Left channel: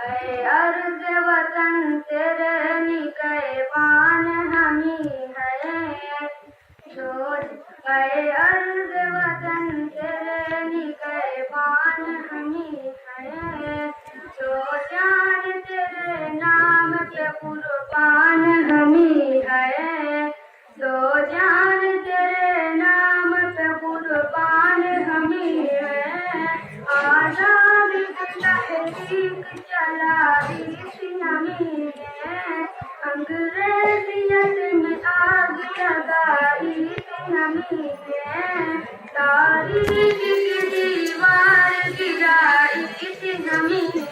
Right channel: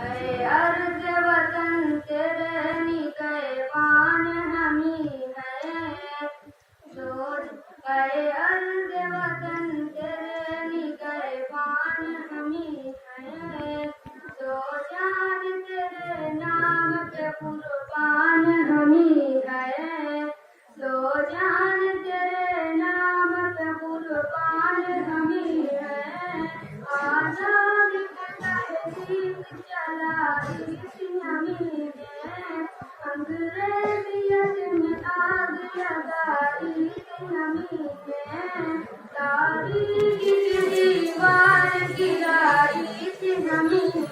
ऐ अर्ज़ वतन तेरे निकैबान हमी है सोच। ऐ अर्ज़ वतन तेरे निकैबान हमी है सो जान तेरे नाम पे कुर्बान हमी है सो जान तेरे नाम पे कुर्बान हमी है। आज़ाद तहरीक चलाई थी हमी ने अंग्रेजियत में आग लगाई थी हमी ने तारीख की दीवार गिराई थी हमी ने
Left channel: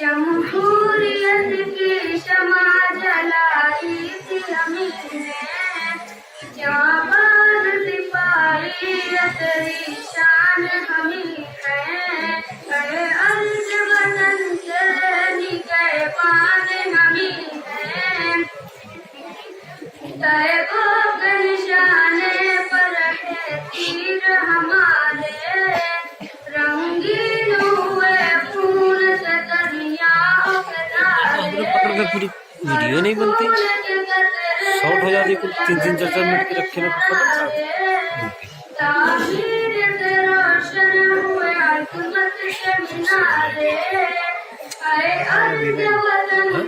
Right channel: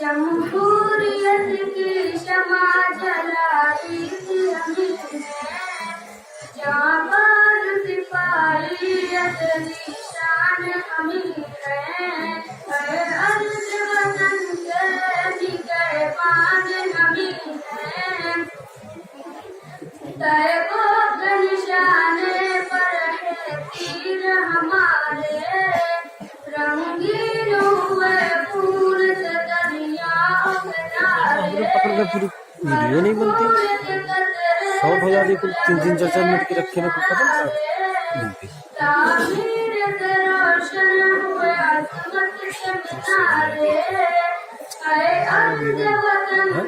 जमहूरियत की शमा जलाई थी हमी ने जाबाज सिपाही तेरी शान हमी है। ऐ अर्ज़ वतन तेरे निगहबान हमी है तैबो के निशाने पर है तीर हमारे रंगीन हुए खून से दरियाओं के आपने पकड़ के पूरी वीडियो नहीं बनती, शॉर्ट हो जाती, कुल 3-3 4-4 मिनट की रखे ना, कुछ पता नहीं। तामीर से रोशन हुए अज़मत के मीनारे। ऐ अर्ज़ वतन